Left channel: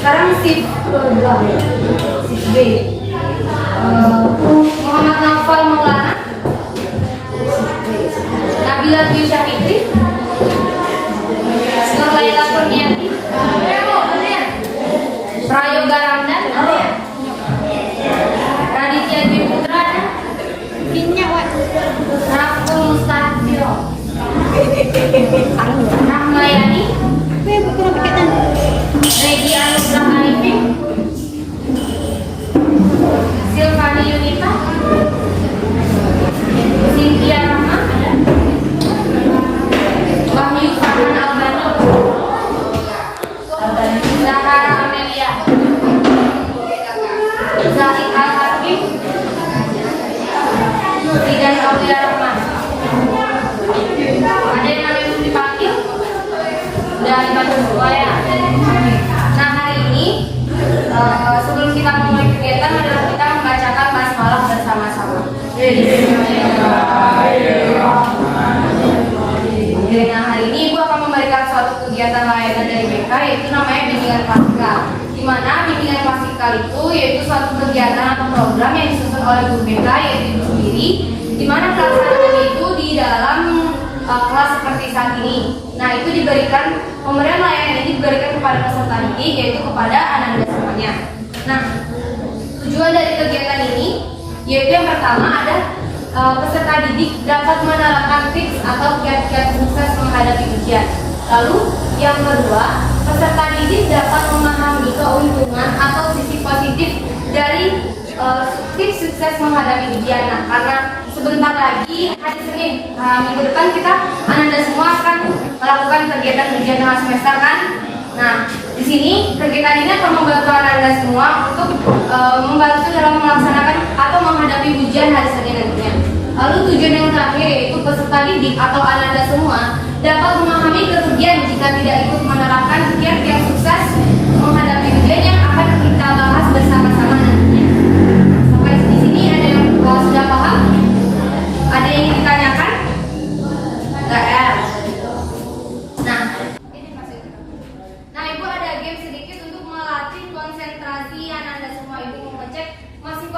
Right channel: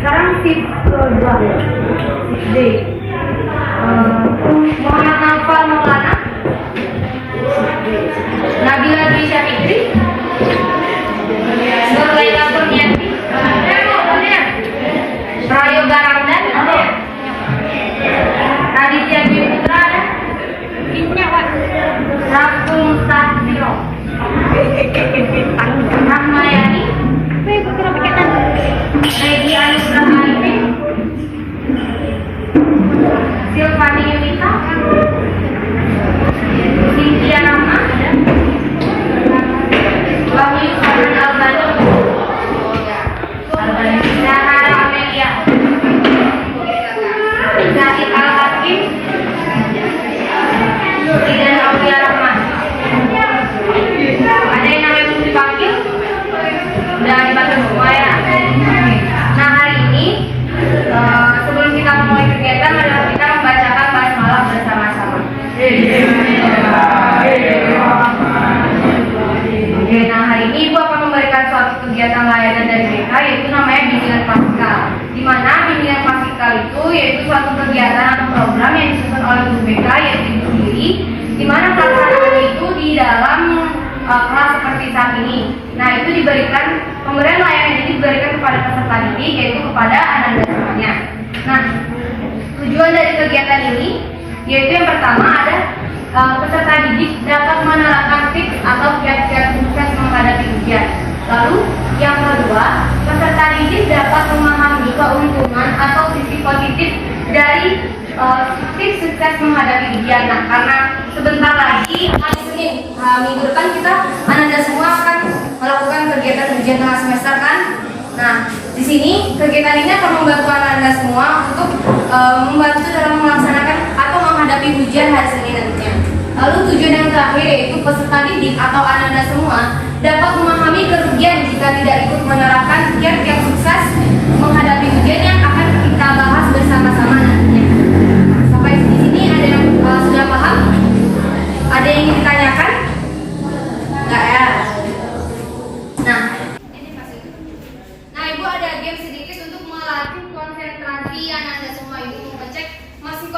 Sekarang shift kedua, shift B. Muhammad Nafal Maulana, Nabila Dwi Syafitri, Nur Laila Kurniati, Prayoga Ramdan, Raditya Dwi Putra, Raful Mustahiro, Rahmayani, Redi Anusra Arifin, Silvani Yunita, Cynthia Rahma, Wahyu Farhan Albani, Zahara Amelia, Zahid Al-Hakim, Zidan Aulia Rahman. Ada yang namanya belum dipanggil? Udah dipanggil semua ya. Nah hari ini sebelum kita mulai kegiatan, adalah kita membacakan basmalah bersama-sama. Oke, nah hari ini Ibu akan memberikan suatu kegiatan layanan dari BK, yaitu namanya bimbingan klasikal. Di mana bimbingan klasikal itu yaitu suatu kegiatan atau program yang disusun oleh guru BK, yaitu Ibu sendiri, di mana pelaksanaannya itu di dalam kelas seperti saat ini. Nah itu diberikan, pemberian layanan ini diberikan kepada peserta didik, yaitu kepada anak-anak semuanya. Nah tujuan dari kegiatan ini yaitu yang pertama ada peserta didik dapat menerapkan tips atau kiat-kiat sukses menghadapi ujian. Lalu yang kedua, peserta didik dapat memahami keuntungan atau sisi positif dari tips sukses menghadapi ujian. Nah karena sebentar lagi hari Senin minggu depan kita anak-anak semua akan melakukan kegiatan ujian tengah semester kan. Nah di sini kegiatan ini akan membantu anak-anak semua untuk membantu dalam melaksanakan atau menghadapi ujian hari Senin nantinya. Lalu tujuan yang terakhir yaitu peserta didik atau anak-anak semua dapat memahami kerugian jika tidak ikut menerapkan kiat-kiat sukses menghadapi ujian yang akan kita bahas bersama-sama nantinya. Sampai di sini ada yang sudah paham? Ada yang ingin ditanyakan? Enggak ya? Nah, Ibu ada game sedikit untuk melatih konsentrasi anak-anak semua. Ibu mau ngecek masih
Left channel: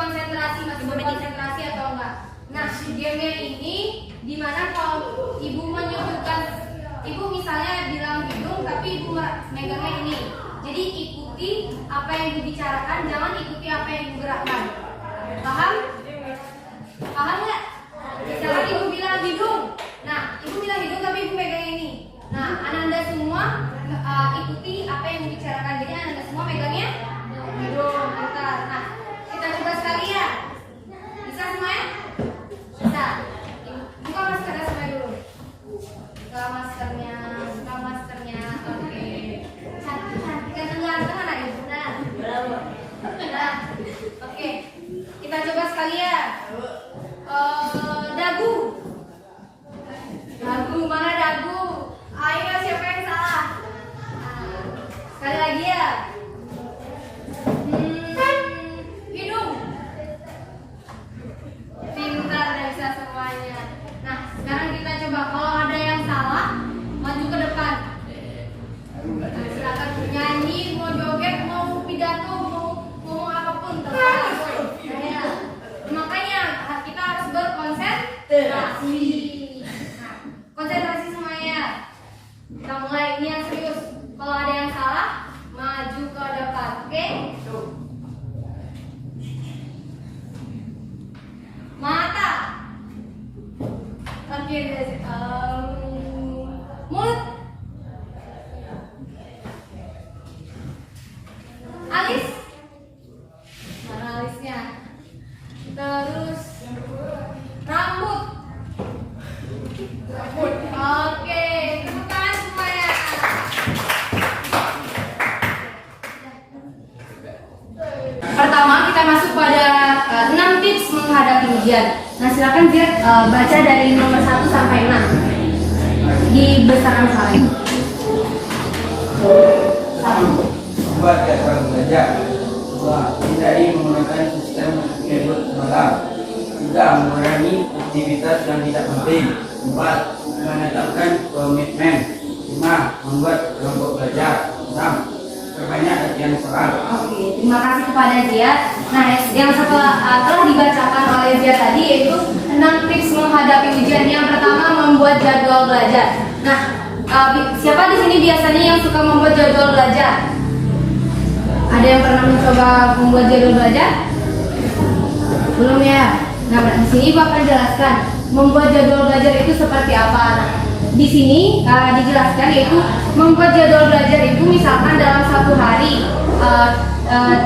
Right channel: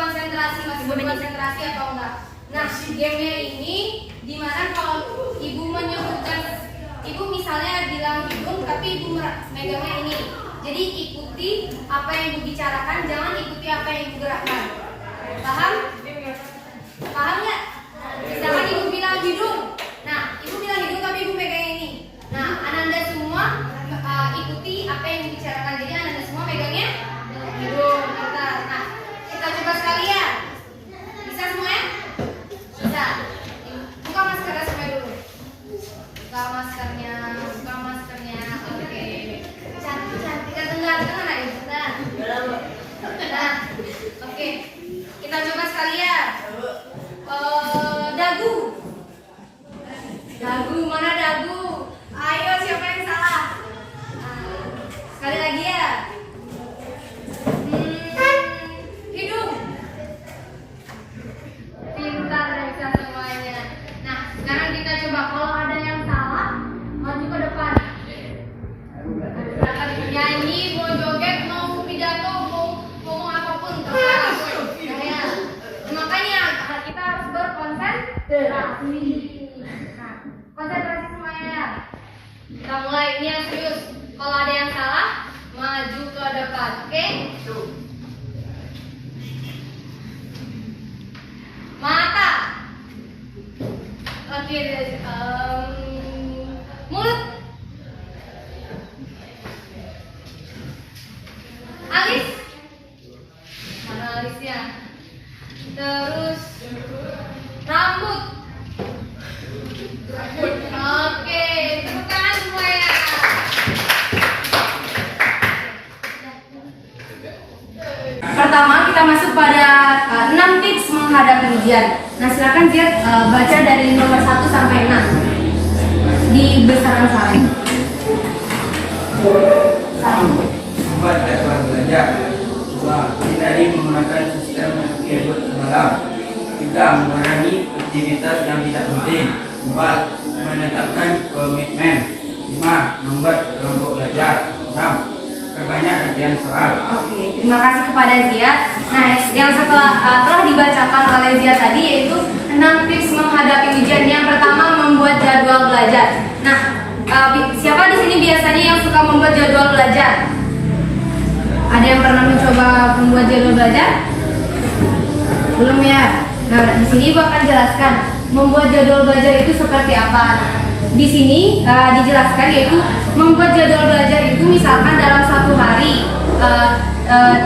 berkonsentrasi atau enggak. Nah, gamenya ini dimana kalau Ibu menyebutkan, Ibu misalnya bilang hidung tapi Ibu megangnya ini. Jadi ikuti apa yang Ibu bicarakan, jangan ikuti apa yang Ibu gerakkan. Paham? Paham nggak? Misalkan Ibu bilang hidung, nah Ibu bilang hidung tapi Ibu megangnya ini. Nah, anak-anak semua ikuti apa yang Ibu bicarakan. Jadi anak-anak semua megangnya hidung. Bentar. Nah, kita coba sekali ya. Bisa semuanya? Bisa. Buka maskernya sampai dulu. Buka maskernya. Oke. Cantik. Ganteng anak Ibu. Nah. Oke. Kita coba sekali ya. Dagu, mana dagu? Ayo siapa yang salah? Sekali lagi ya. Hidung. Pintar dan bisa semuanya. Nah, sekarang kita coba kalau ada yang salah, maju ke depan. Silakan nyanyi, mau joget, mau pidato, mau ngomong apapun terserah. Ya. Makanya kita harus berkonsentrasi. Nah, konsentrasi semuanya. Kita mulai, ini yang serius. Kalau ada yang salah, maju ke depan. Oke? Mata. Oke, mulut. Alis. Mana alisnya? Terus rambut. Oke, tepuk tangan semuanya. Pertama kita masuk pada 6 tips menghadapi ujian. Nah silakan Ziad baca dari nomor 1 sampai 6 di besaran salin. Membuat jadwal belajar. 2. Hindari menggunakan sistem e-book semalam. 3. Mengurangi aktivitas yang tidak penting. 4. Menetapkan komitmen. 5. Membuat kelompok belajar. 6. Perbanyak sekian saat. Oke, terima kasih kepada Zia. Nah, yang telah dibacakan oleh Zia tadi yaitu 6 tips menghadapi ujian. Yang pertama, membuat jadwal belajar. Nah, siapa di sini biasanya yang suka membuat jadwal belajar? Ada yang pernah mencoba membuat jadwal belajar? Belum ya? Nah, di sini Ibu akan jelaskan membuat jadwal belajar itu seperti apa. Nah, di sini dijelaskan yaitu membuat jadwal belajar itu misalkan dalam satu hari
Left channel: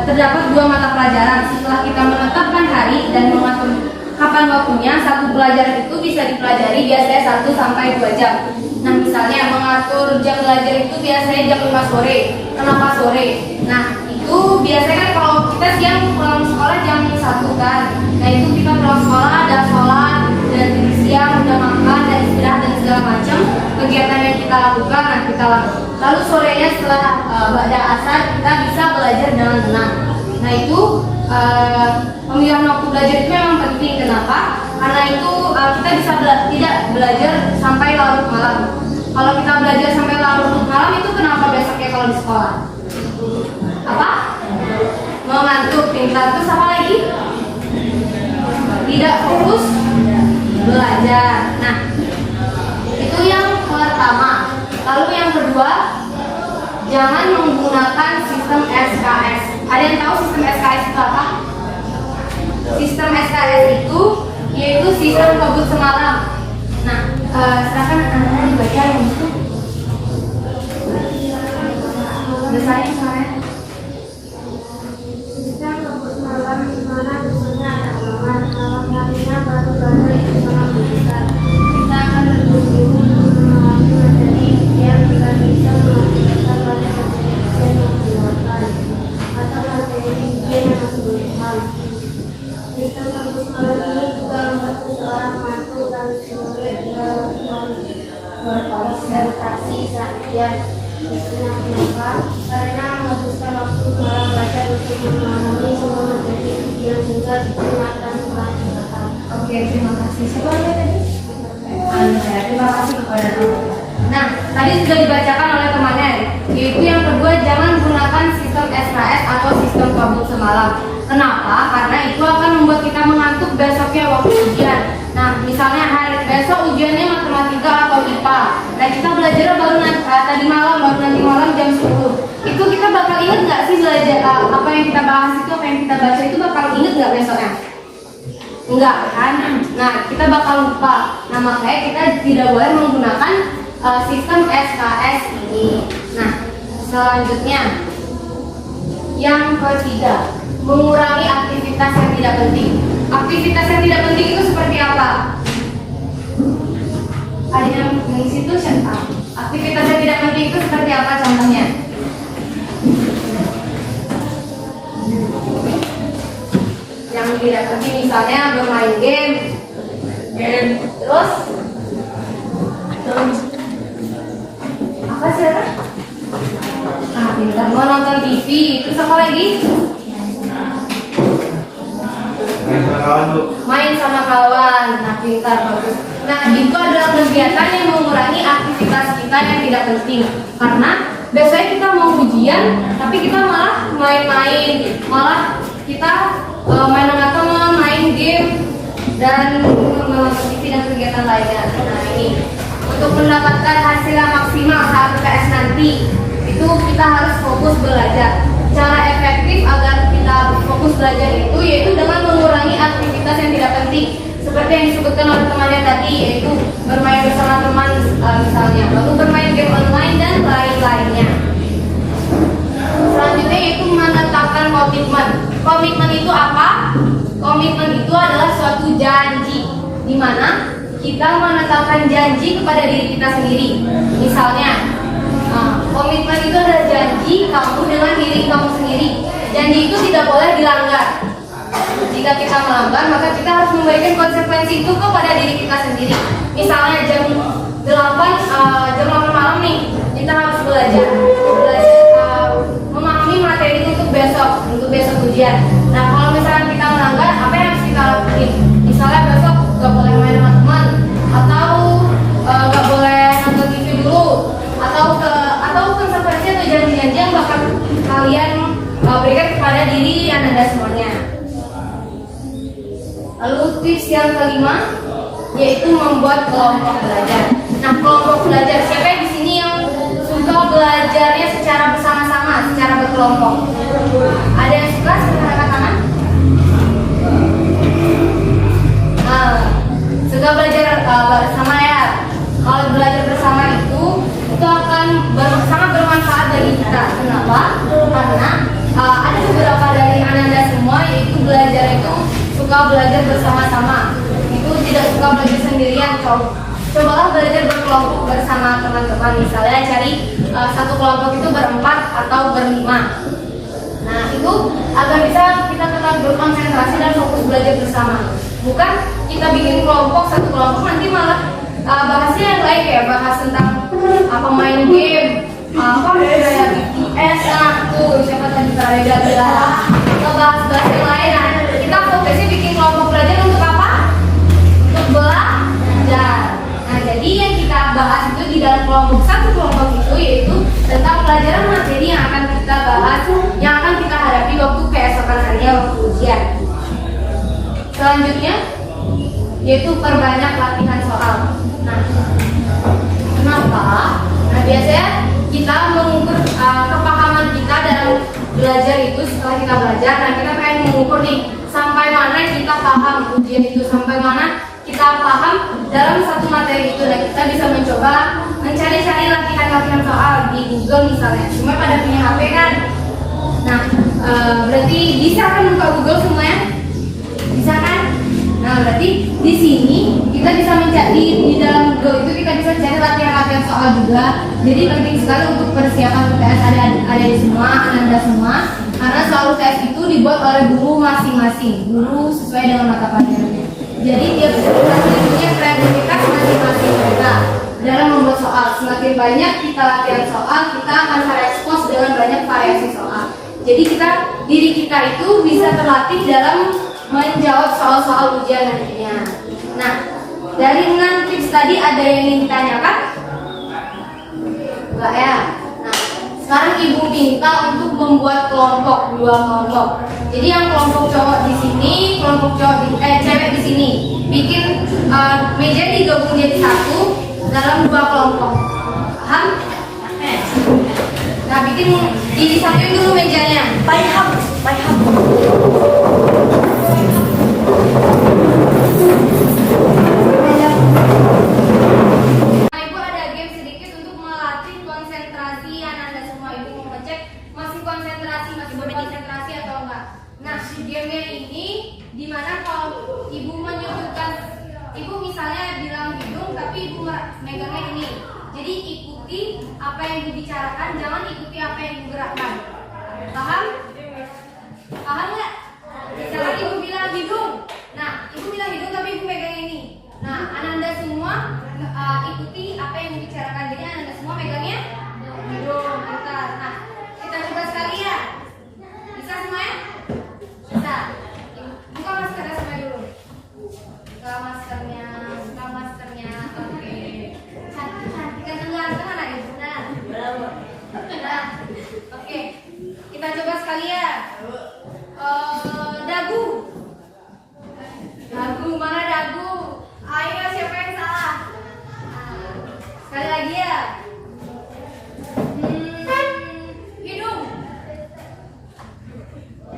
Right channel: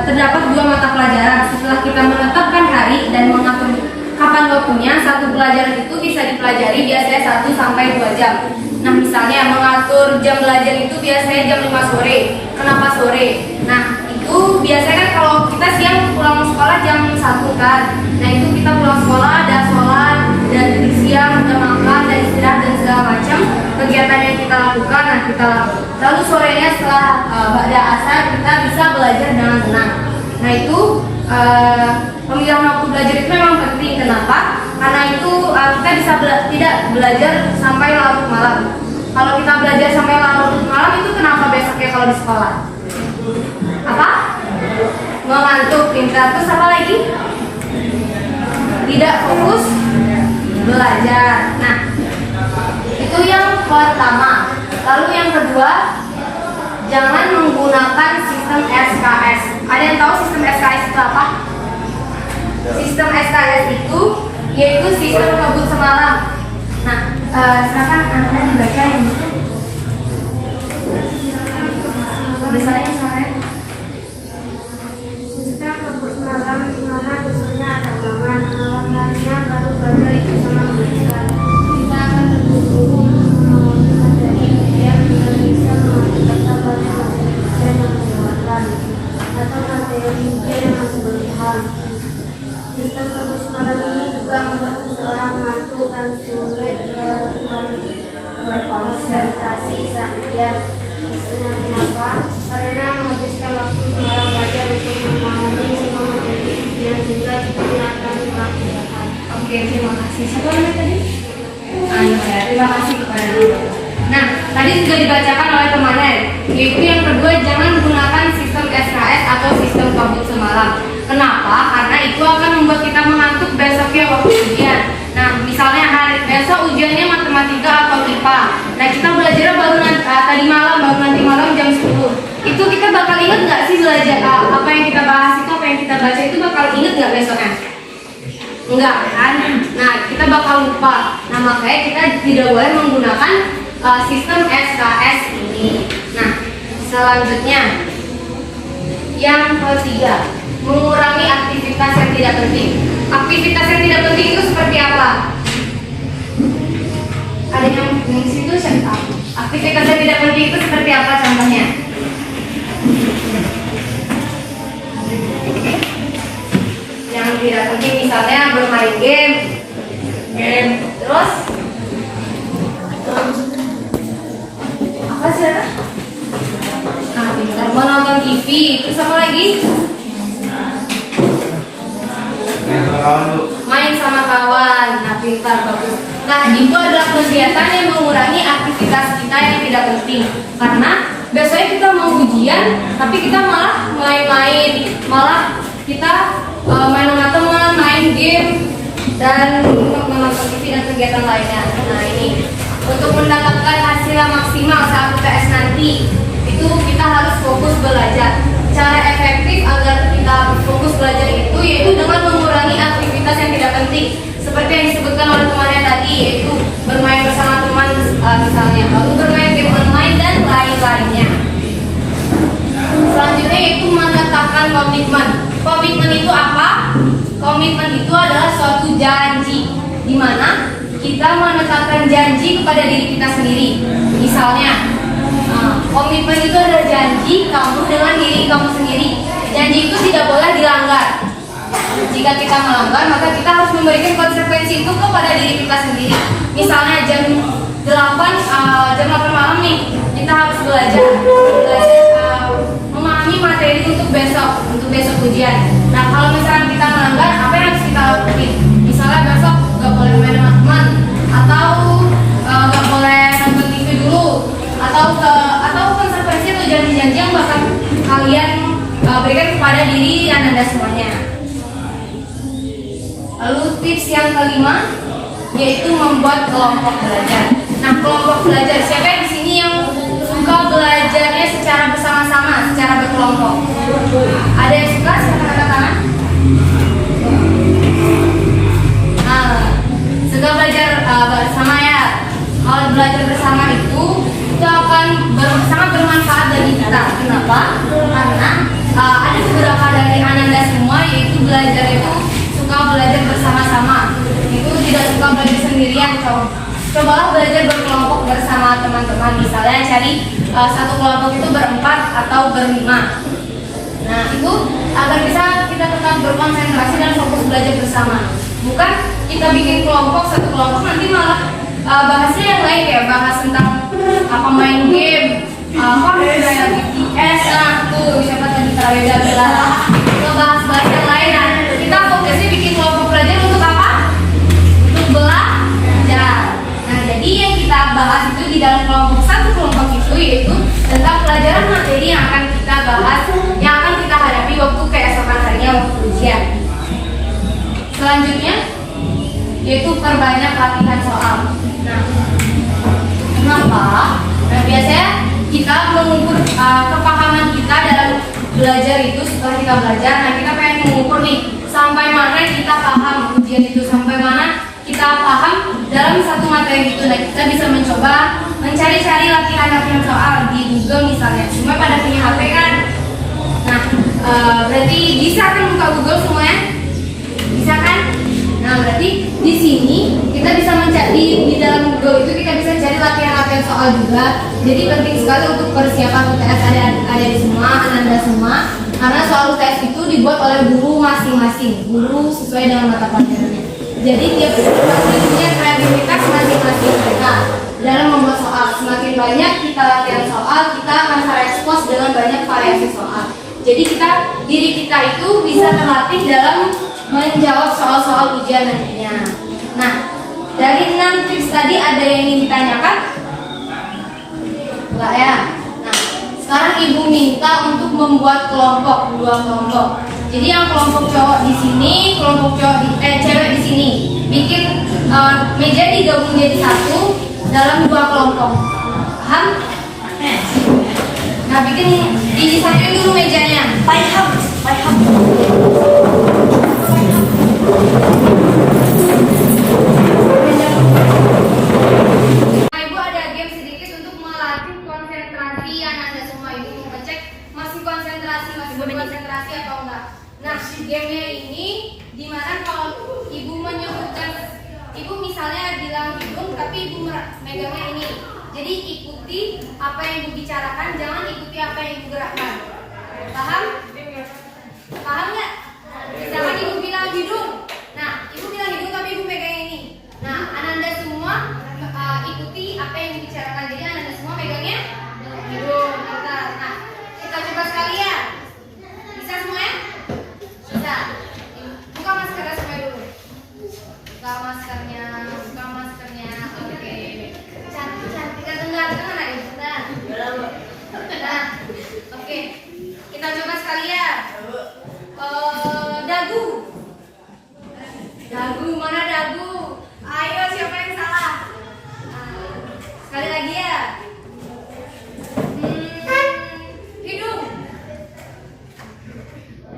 terdapat 2 mata pelajaran. Setelah kita menetapkan hari dan mengatur kapan waktunya, satu pelajaran itu bisa dipelajari biasanya 1 sampai 2 jam. Nah, misalnya mengatur jam belajar itu biasanya jam 5 sore. Kenapa sore? Nah, itu biasanya kan kalau kita siang pulang sekolah jam 1 kan. Nah, itu kita pulang sekolah, ada sholat, dan siang udah makan dan istirahat dan segala macam kegiatan yang kita lakukan. Nah, kita lakukan. Lalu sorenya setelah ba'da asar kita bisa belajar dengan tenang. Nah, itu pemilihan waktu belajar itu memang penting. Kenapa? Karena itu kita bisa tidak belajar sampai larut malam. Kalau kita belajar sampai larut malam itu kenapa besoknya kalau di sekolah? Apa? Mengantuk, pintar. Terus apa lagi? Tidak fokus belajar. Nah, itu yang pertama. Lalu yang kedua, jangan menggunakan sistem SKS. Ada yang tahu sistem SKS itu apa? Sistem SKS itu yaitu sistem kabut semalam. Nah, silakan Anda dibaca yang itu. Misalnya saya Sistem kabut malam di mana dusunnya ada taman, malam harinya baru badai itu sangat menyenangkan. Kita akan berburu melewati materi yang tidak bisa mengakibatkan banyak materi ujian yang melewatkan atau materi ujian yang masih berlebihan. Sistem kabut malam ini juga membuat seseorang ngantuk dan sulit berkonsentrasi saat ujian. Kenapa? Karena menghabiskan waktu dalam belajar untuk memahami semua materi ujian sehingga tidak akan kurang cepat. Oke, terima kasih. Siapa namanya tadi? Ayo ya, terima kasih kepada Ibu. Nah, tadi sudah dibacakan oleh temannya, yaitu yang kedua, jangan gunakan sistem SKS atau sistem kabut semalam. Kenapa? Karena itu akan membuat kita mengantuk besoknya waktu ujian. Nah, misalnya hari besok ujiannya matematika atau IPA. Nah, kita belajar baru tadi malam, baru nanti malam jam 10. Itu kita bakal ingat nggak sih belajar apa yang kita bahas itu, apa yang kita baca itu bakal ingat nggak besoknya? Enggak kan? Nah, kita bakal lupa. Nah, makanya kita tidak boleh menggunakan sistem SKS ini. Nah, selanjutnya yang ketiga, mengurangi aktivitas yang tidak penting. Aktivitas yang tidak penting itu seperti apa? Ada yang di situ siapa? Aktivitas yang tidak penting itu seperti apa contohnya? Yang tidak penting misalnya bermain game, terus apa sih? Ah, pintar. Menonton TV, terus apa lagi? Main sama kawan. Nah, pintar, bagus. Nah, itu adalah kegiatan yang mengurangi aktivitas kita yang tidak penting. Karena biasanya kita mau ujian, tapi kita malah main-main, malah kita main sama teman, main game, dan menonton TV dan kegiatan lainnya. Nah, ini untuk mendapatkan hasil yang maksimal saat UTS nanti, itu kita harus fokus belajar. Cara efektif agar kita fokus belajar itu yaitu dengan mengurangi aktivitas yang tidak penting, seperti yang disebutkan oleh temannya tadi, yaitu bermain bersama teman misalnya, lalu bermain game online dan lain-lainnya. Selanjutnya yaitu menetapkan komitmen. Komitmen itu apa? Komitmen itu adalah suatu janji, di mana kita menetapkan janji kepada diri kita sendiri. Misalnya, komitmen itu adalah janji kamu dengan diri kamu sendiri. Janji itu tidak boleh dilanggar. Jika kita melanggar, maka kita harus memberikan konsekuensi itu kepada diri kita sendiri. Misalnya jam 8 malam nih, kita harus belajar memahami materi itu untuk besok ujian. Nah, kalau misalkan kita melanggar, apa yang harus kita lakukan? Misalnya besok gak boleh main sama teman, atau gak boleh nonton TV dulu, atau konsekuensi atau janji-janji yang bakal kalian berikan kepada diri Anda semuanya. Lalu tips yang kelima yaitu membuat kelompok belajar. Nah, kelompok belajar, siapa di sini yang suka belajarnya secara bersama-sama, secara berkelompok? Ada yang suka? Silakan angkat tangan. Suka belajar bersama ya. Kalau belajar bersama itu akan sangat bermanfaat bagi kita. Kenapa? Karena ada beberapa dari Ananda semua yaitu belajar itu suka belajar bersama-sama. Itu tidak suka belajar sendirian. Cobalah belajar berkelompok bersama teman-teman. Misalnya cari satu kelompok itu berempat atau berlima. Nah, itu agar bisa kita tetap berkonsentrasi dan fokus belajar bersama. Bukan kita bikin kelompok, satu kelompok nanti malah bahasnya yang lain, kayak bahas tentang apa main game, apa kayak BTS, tuh siapa tadi Prayoga bilang, kita bahas yang lain. Kita fokusnya bikin kelompok belajar untuk apa? Untuk belajar. Nah, jadi yang kita bahas itu di dalam satu kelompok itu yaitu tentang pelajaran materi yang akan kita bahas, yang akan kita hadapi waktu keesokan harinya waktu ujian. Selanjutnya yaitu perbanyak latihan soal. Nah, kenapa? Nah, biasanya kita mengukur kepahaman kita dalam belajar itu setelah kita belajar. Nah, kita pengen mengukur nih sampai mana kita paham ujian itu, sampai mana kita paham dalam satu materi itu. Nah, kita bisa mencoba mencari-cari latihan-latihan soal di Google misalnya. Cuma pada punya HP kan? Nah, berarti bisa kan buka Google semuanya? Bisa kan? Nah, berarti di sini kita bisa mencari di dalam Google itu kita bisa cari latihan-latihan soal juga. Jadi penting sekali untuk persiapan UTS ada di semua, Ananda semua. Karena soal UTS itu dibuat oleh guru masing-masing, guru sesuai dengan mata pelajarannya. Jadi tiap guru punya kreativitas masing-masing mereka dalam membuat soal. Semakin banyak kita latihan soal, kita akan terekspos dengan banyak variasi soal. Jadi diri kita itu bisa terlatih dalam menjawab soal-soal ujian nantinya. Nah, dari 6 tips tadi ada yang ingin ditanyakan? Enggak ya? Nah, sekarang Ibu minta untuk membuat kelompok, 2 kelompok. Jadi yang kelompok cowok di sini, kelompok cewek di sini. Bikin meja digabung jadi satu dalam 2 kelompok. Paham? Nah, bikin disatuin dulu mejanya. Paham. Nah, Ibu ada game sedikit untuk melatih konsentrasi Ananda semua. Ibu mau ngecek masih berkonsentrasi atau enggak. Nah, gamenya ini dimana kalau Ibu menyebutkan, Ibu misalnya bilang hidung tapi Ibu megangnya ini. Jadi ikuti apa yang Ibu bicarakan, jangan ikuti apa yang Ibu gerakkan. Paham? Paham nggak? Misalkan Ibu bilang hidung, nah Ibu bilang hidung tapi Ibu pegang ini. Nah, Ananda semua ikuti apa yang dibicarakan. Jadi Ananda semua pegangnya hidung. Bentar. Nah, kita coba sekali ya. Bisa semuanya? Bisa. Buka maskernya semua dulu. Buka maskernya. Oke. Cantik kan dengar Ibu. Nah. Oke. Kita coba sekali ya. Dagu, mana dagu? Ayo, siapa yang salah? Sekali lagi ya. Hidung.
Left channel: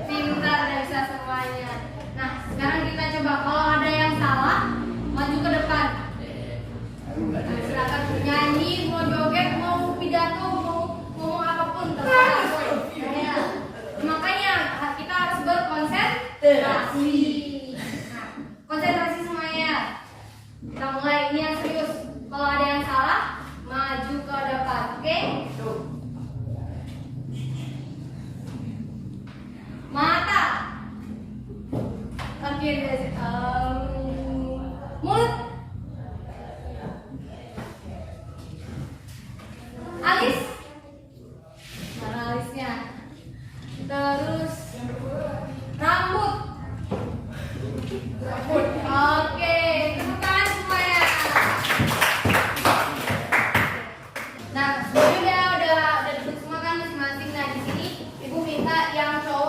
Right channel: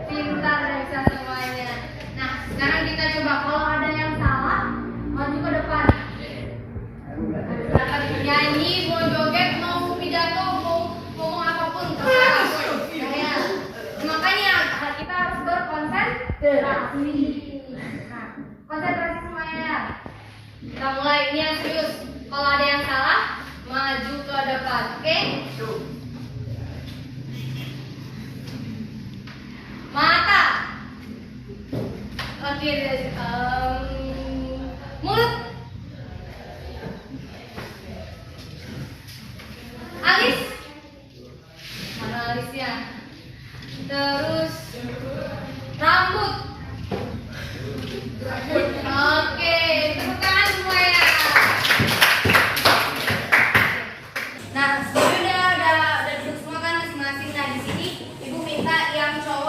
Pintar dan bisa semuanya. Nah, sekarang kita coba kalau ada yang salah, maju ke depan. Silakan nyanyi, mau joget, mau pidato, mau ngomong apapun, terserah. Makanya kita harus berkonsentrasi. Konsentrasi semuanya. Kita mulai, ini yang serius. Kalau ada yang salah, maju ke depan. Oke? Mata. Oke, mulut. Alis. Mana alisnya? Terus rambut. Oke, tepuk tangan semuanya. Nah, semuanya udah duduk semua kan masing-masing. Nah, di sini Ibu minta yang cowok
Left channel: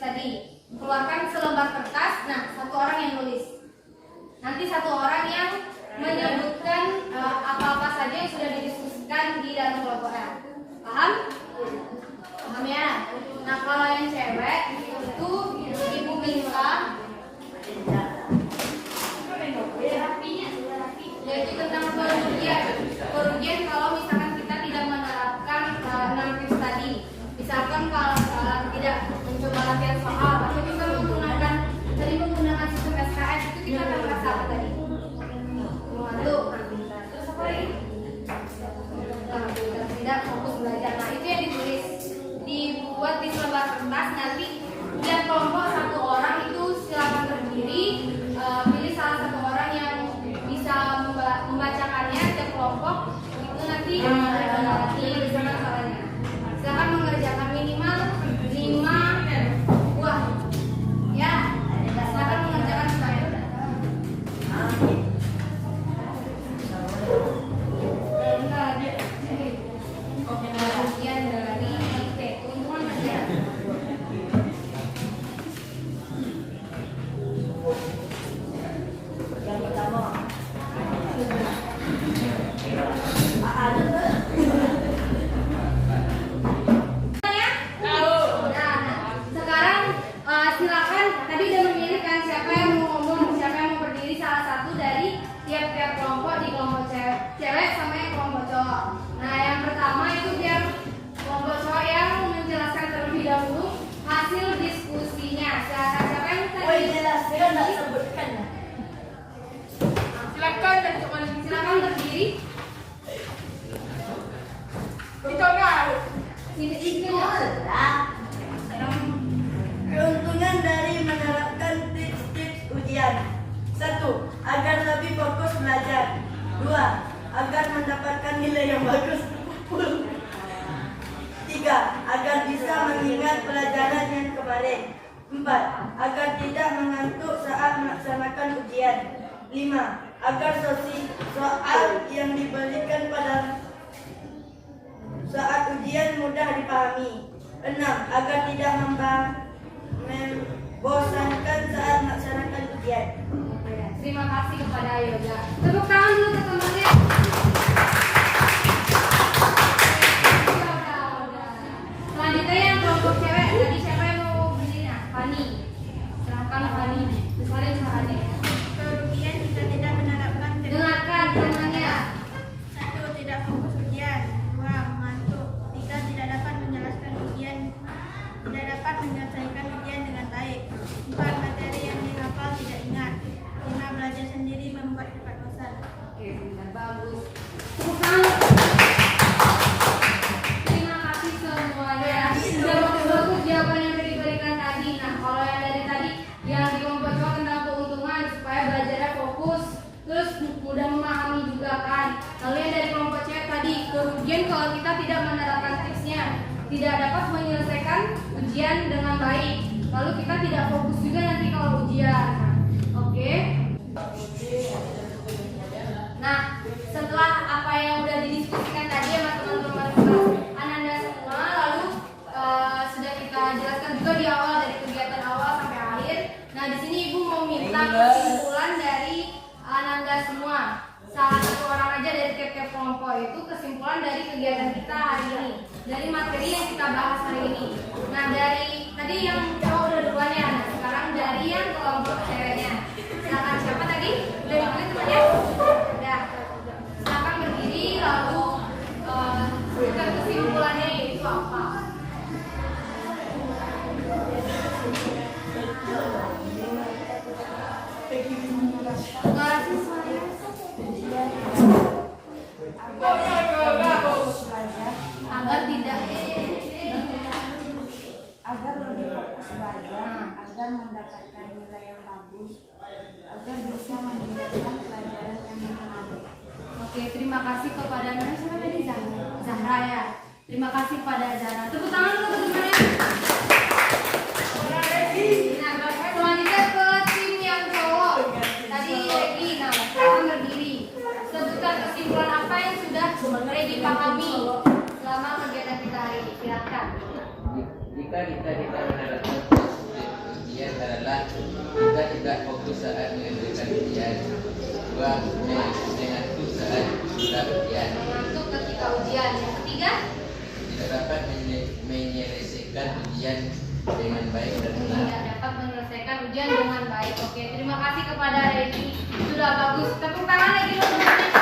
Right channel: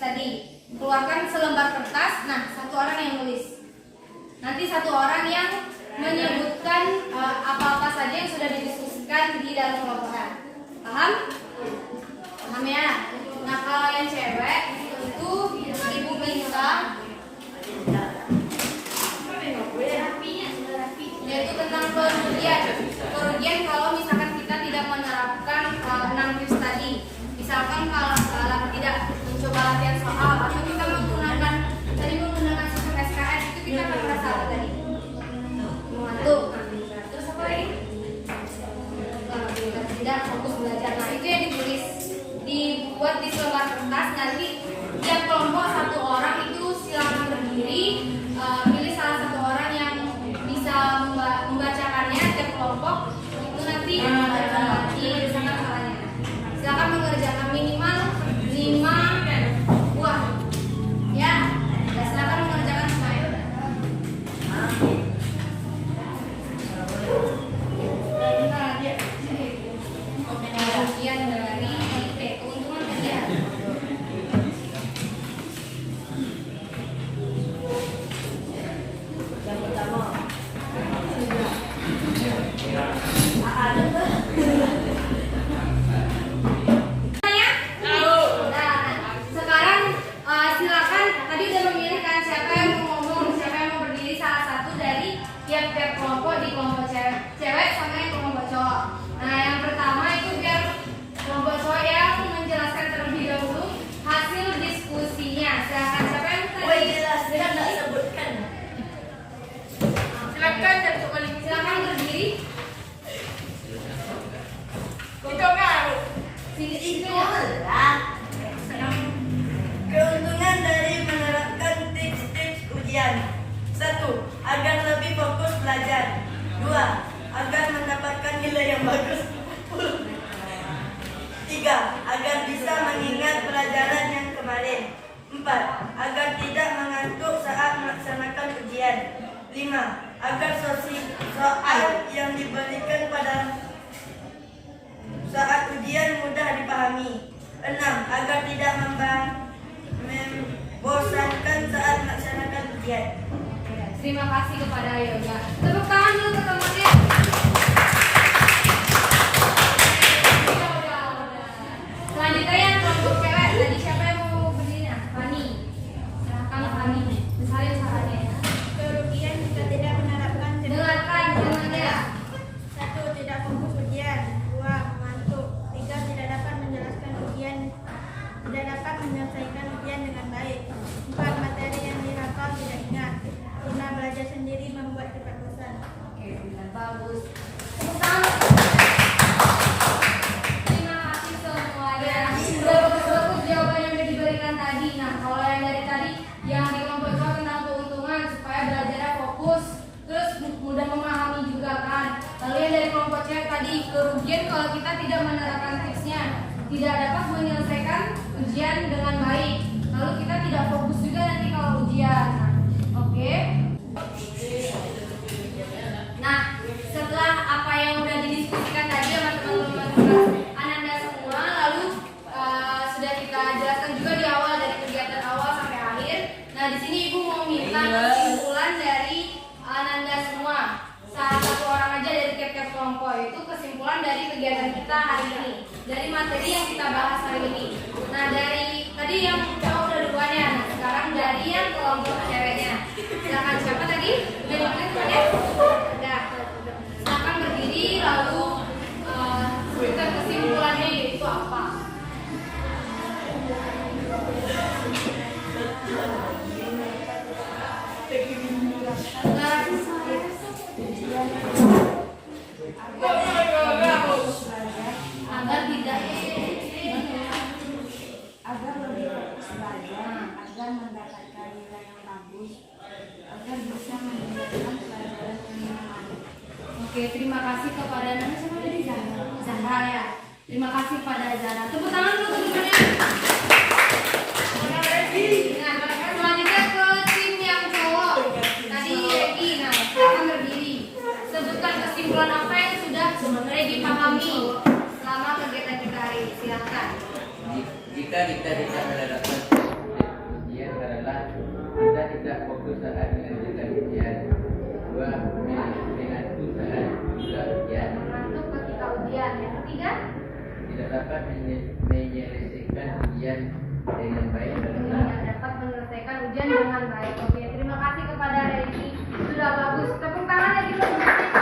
tadi. Keluarkan selembar kertas. Nah, satu orang yang nulis. Nanti satu orang yang menyebutkan apa-apa saja yang sudah didiskusikan di dalam kelompokan. Paham? Paham ya? Nah, kalau yang cewek itu ibu minta yaitu tentang kerugian. Kerugian kalau misalkan kita tidak menerapkan 6 tips tadi. Misalkan kalau tidak mencoba latihan soal atau kita menggunakan sistem SKS, itu kita akan merasa apa tadi? Mengantuk. Terus apa lagi? Tidak fokus belajar. Nah, itu yang ditulis, dibuat di selembar kertas. Nanti tiap kelompok satu orang itu silakan berdiri, pilih salah satu orang yang bisa membacakannya. Tiap kelompok itu nanti disampaikan salahnya. Silakan mengerjakan minimal 5 buah. Ya, silakan mengerjakan semuanya. Bagian dari IP, keuntungan bagian. Yang pertama, sekarang silakan, tadi udah memilihkan siapa yang mau ngomong, siapa yang mau berdiri, salah satu dari tiap-tiap kelompok di kelompok cewek sama yang kelompok cowok. Nah, yang pertama itu biar kelompok cowok yang menjelaskan terlebih dahulu hasil diskusinya. Silakan siapa yang tadi? Oh iya, saya nggak sebutkan. Silakan dan silakan berdiri. Itu mau. Sini Lah. Keuntungan dari menerapkan tips-tips ujian. 1. Agar lebih fokus belajar. 2. Agar mendapatkan nilai yang bagus. 3. Agar bisa mengingat pelajaran yang kemarin. 4. Agar tidak mengantuk saat melaksanakan ujian. 5. Agar soal yang diberikan pada saat ujian mudah dipahami. 6. Agar tidak membosankan saat melaksanakan ujian. Terima kasih kepada Yoga. Tepuk tangan dulu teman-teman. Selanjutnya yang kelompok cewek. Tadi siapa yang mau berdiri? Nah, Fani. Silahkan Fani. Misalnya caranya. Kerugian jika tidak menerapkan Dengarkan caranya. 1. Tidak fokus ujian. 2. Mengantuk. 3. Tidak dapat menjelaskan ujian. Tidak dapat menyelesaikan ujian dengan baik. 4. Materi yang dihafal tidak ingat. 5. Belajar sendiri membuat cepat bosan. Oke, sudah bagus. Tepuk tangan. Terima kasih semuanya. Sudah bagus-bagus jawaban yang diberikan tadi. Nah, kalau yang dari tadi yang di kelompok cowok tentang keuntungan supaya belajarnya fokus, terus mudah memahami juga kan. Lalu yang dari kelompok cewek tadi kerugian kalau kita tidak menerapkan tipsnya, tidak dapat menyelesaikan ujian dengan baik. Lalu kita tidak fokus juga nanti kalau ujian. Nah, oke. Nah, setelah apa yang udah didiskusikan tadi sama teman-teman kelas Ananda semua, lalu sudah kita jelaskan juga di awal dari kegiatan awal sampai akhir. Nah, di sini Ibu mau minta kesimpulan dari Ananda semua. Salah satu orang aja dari tiap-tiap kelompok itu kesimpulan dari kegiatan kita hari ini, dari materi yang kita bahas hari ini. Nah, dari tadi yang cowok udah duanya, nah sekarang dari yang kelompok ceweknya. Silakan siapa tadi? Dari mana ya? Ada. Silakan berdiri lalu sebutkan kesimpulannya yaitu apa? Agar tidak agar lebih fokus belajar, agar mendapatkan nilai yang bagus, agar bisa meningkatkan pelajaran yang menarik. Oke, terima kasih kepada siapa tadi? Zahra ya. Terima kasih pada Zahra. Tepuk tangan dulu teman-teman. Nah, selanjutnya ke tim yang cowok. Tadi Regi, nah silakan berdiri. Sebutkan kesimpulan apa yang sudah Regi pahami selama kegiatan kita hari ini. Silakan. Jika kita tidak menerapkan tidak fokus saat mengerjakan ujian. 2. Mengantuk saat sudah ujian. Mengantuk ketika ujian. Yang ketiga, Tidak dapat menyelesaikan ujian dengan baik dan benar. tidak dapat menyelesaikan ujian dengan baik. Oke, terima kasih kepada Reni. Sudah bagus. Tepuk tangan lagi dong.